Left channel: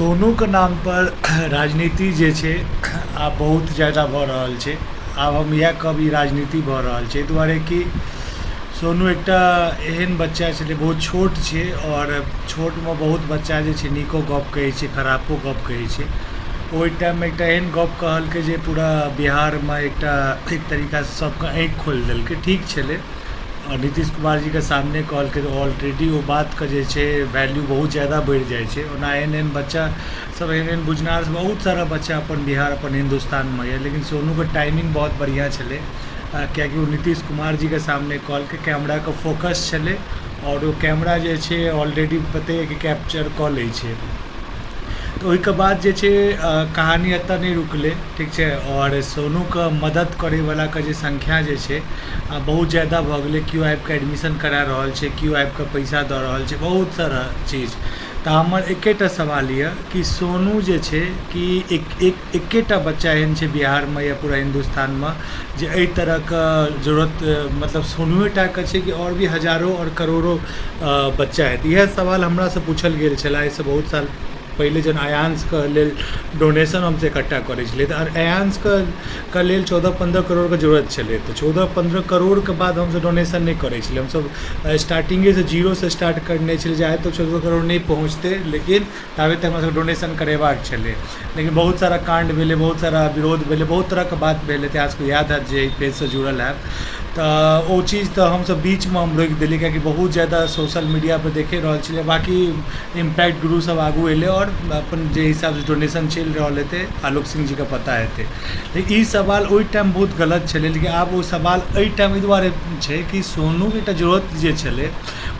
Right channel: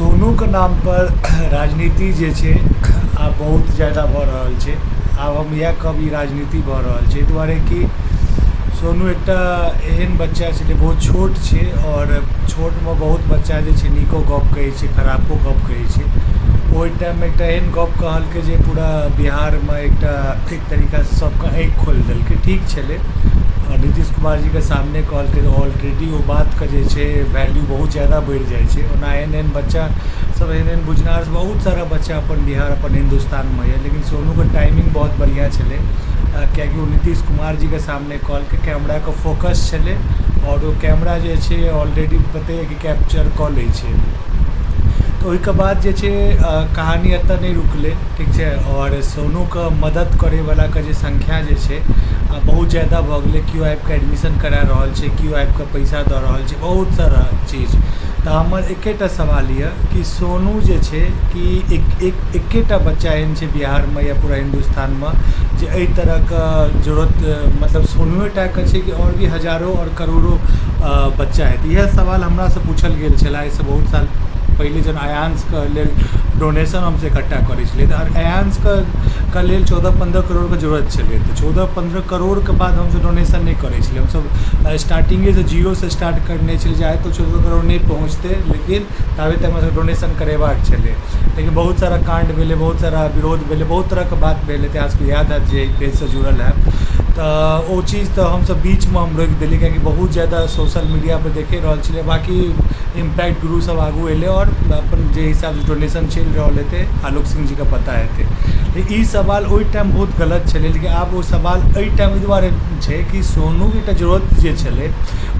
सोनू के नाम पर राजनीति जे छै आब बहुत ज़्यादा भऽ रहल छै। आब हम इएह कहब, ई राजनीति भऽ रहल छै दुआरे कि सोनू एकटा एहन बच्चा छलै, बहुत छोट छै और छोटमे बहुत बच्चा जे छै नीको गप कहै छै, खराबो गप कहै छै। ओहि टाइममे एकटा एहन गप कहलकै जे पूरा बिहारमे एक तरीकासँ सबके आँखि खोलि देलकै। ठीक छलै, और नीतीश कुमार जी के सामने कहलकै तऽ ऑलरेडी वो बात के जे छै वैल्यू बहुत ज़्यादा बढ़ि जाइ छै। ओना एहन एहन बच्चा सब, एहन एहन बुझनार बहुत सारा बच्चा अपन बिहार अपन हिंदुस्तानमे यऽ, लेकिन सोनूके टाइमिंग बहुत बढ़िया छलै किएकि वो नीतीश कुमार जी के सामने कहलकै, कैमराके फोकस छलै और वो कैमरा जे छै ऑलरेडी पते है कि कैप्चर कऽ लै छै। तो ओहिके बाद जे छै कहानी एतऽ नहीं रुकलै, ठीक छै। और सोनूके मदद करैवलाके जे संख्या जे छै बहुत ज़्यादा भऽ गेलै। केओ आबिकऽ एडमिशन करा रहल छै, केओ आबिकऽ पैसा दऽ रहल छै, बहुत सारा चीज। तऽ हमर एकेटा सवाल यऽ कि सोनू जे छै कि एकेटा बच्चा एहन छै बिहारमे या पूरा हिंदुस्तानमे जे एहि तरहके जरूरत मतलब सोनूएटाके छै कि आओर भी हजारों और करोड़ों बच्चा हेतै। इएह सवाल हमरासँ पूछल गेल छलै एहिसँ बहुत साल पहले, जन अयांशके लेल डोनेशन हमसे इकट्ठा करै छलिए तऽ अयांशके लेल 14-15 करोड़के जरूरत छलै। तऽ 14-15 करोड़के बाद हमसब डोनेशन नहीं करै छलिए। हमसब स्टार्टिंगेसँ जीरोसँ स्टार्ट करने छलिए जे आइ तो 14 करोड़ नहीं पहुँचते, लेकिन ताबे तक हमरा डोनेशन करेबाक छलै। लेकिन बहुत सारा कांड भेलै, बहुत सारा विरोध भेलै, बहुत तरहके बात भेलै। तऽ अहाँसबके याद हैत जे पेजसँ जुड़ल हैब तऽ ओ चीज तऽ हमसब बीचमे हम रोकि देलिए किएकि बहुत ज़्यादा सोशल मीडियापर देखे रहल छलिए। बाकी इम्पैक्ट गुरु सब आगू एलै और अपन जे हिसाबसँ डोनेशन चलि रहल हेतै आलोक सिंह जीके पता हेतै। लेकिन ई सवाल ओहि टाइम बहुत गलत छलै, लेकिन आब ओ सवाल एहि टाइम एहि दुआरे छै कि सोनूके एकटा जरूरत जे छलै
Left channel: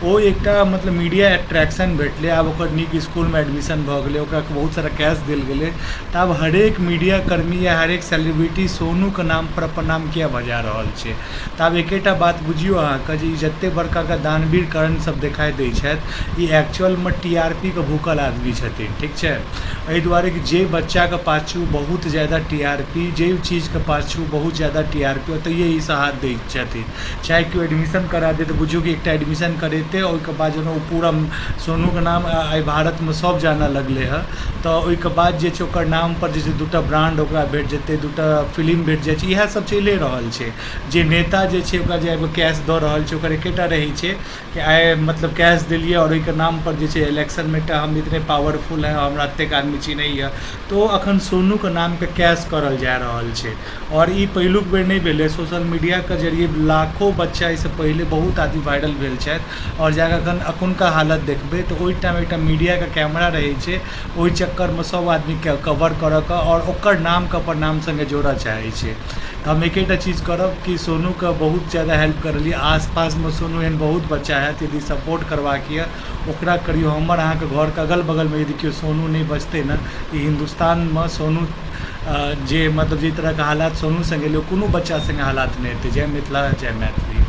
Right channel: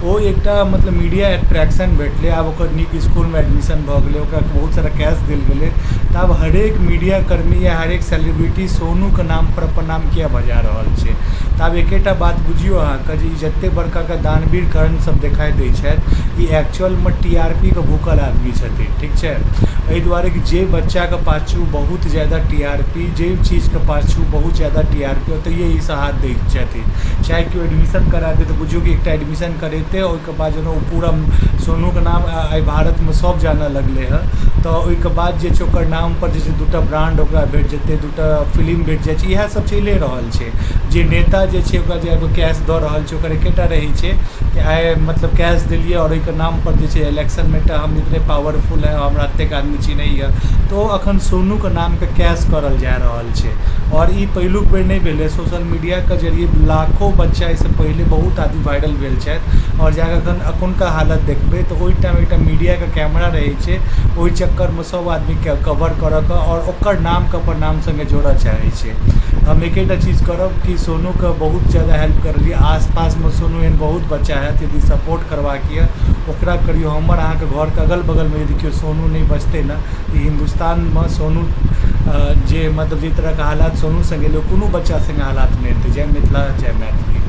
ओ एकटा मतलब मीडिया अट्रैक्शन भेटलै। आब ओकर नीक इसकुलमे एडमिशन भऽ गेलै, ओकरा बहुत सारा कैश देल गेलै। तऽ आब हरेक मीडिया कर्मी या हरेक सेलिब्रिटी सोनूके नाम पर अपन नाम किया बजा रहल छै। तऽ आब एकेटा बात बुझियौ अहाँके जे जतेक बड़का दानवीर करण सब देखाइ दै छथि, ई एक्चुअलमे TRP के भूखल आदमी छथिन, ठीक छै। एहि दुआरे कि जे बच्चाके पाछू बहुत ज़्यादा TRP, जे चीज़के पाछू बहुत ज़्यादा TRP ओतहिए ई सब हाथ दै छथिन। चाहे केओ एडमिशन करा दे तऽ बुझियौ कि एकटा एडमिशन करेतै, ओहिके बाद जहन ओ पूरा सोनूके नाम आइ भारतमे सब जानऽ लगलै हँ, तऽ ओहिके बाद जे छै ओकर नाम पर जे छै दूटा ब्रांड ओकरा भेट जेतै, दूटा फिल्म भेट जाइ छै। इएह सब चलिए रहल छै। जे नेता जे छै ओकरा जे कैश दऽ रहल छै ओकर एकेटा रहै छै कि आइ मतलब कैश देलिए और ओहिके नाम पर जे छै इलेक्शनमे एकटा हम इतने पावरफुल है, हमरा एतेक आदमी चिन्हैए, तो अखन सोनूके नामके कैश करल जा रहल छै। और ई पहिलुक बेर नहीं भेलै, सोशल मीडियाके जरिए लाखों बच्चा एहिसँ पहिले बहुत आदमी वायरल भेल छथि। और जाकऽ अखुनका हालत देखबै तऽ ओहि टाइम एकटा मीडियाके कैमरा रहै छै, ओहि चक्करमे सब आदमी कवर करऽ के और ओकर नामके अपन नाम संगे जोड़ऽ चाहै छै। हम एकेटा चीज़ करब कि सोनूके बहुत ज़्यादा हेल्प करलिए। आसपासमे सोनू एहन बहुत बच्चा हैत, यदि सपोर्ट करबाक यऽ ओकरा करियौ। हमर अहाँके घरके अगल बगलमे यदि केओ सोनू नहीं बचतै ने, ई हिंदुस्तानमे सोनू जे मतलब जे तरहके हालात सोनू संगे एलै कोनो बच्चा संगे हालात नहीं हेतै। जय मिथिला, जय मैथिली।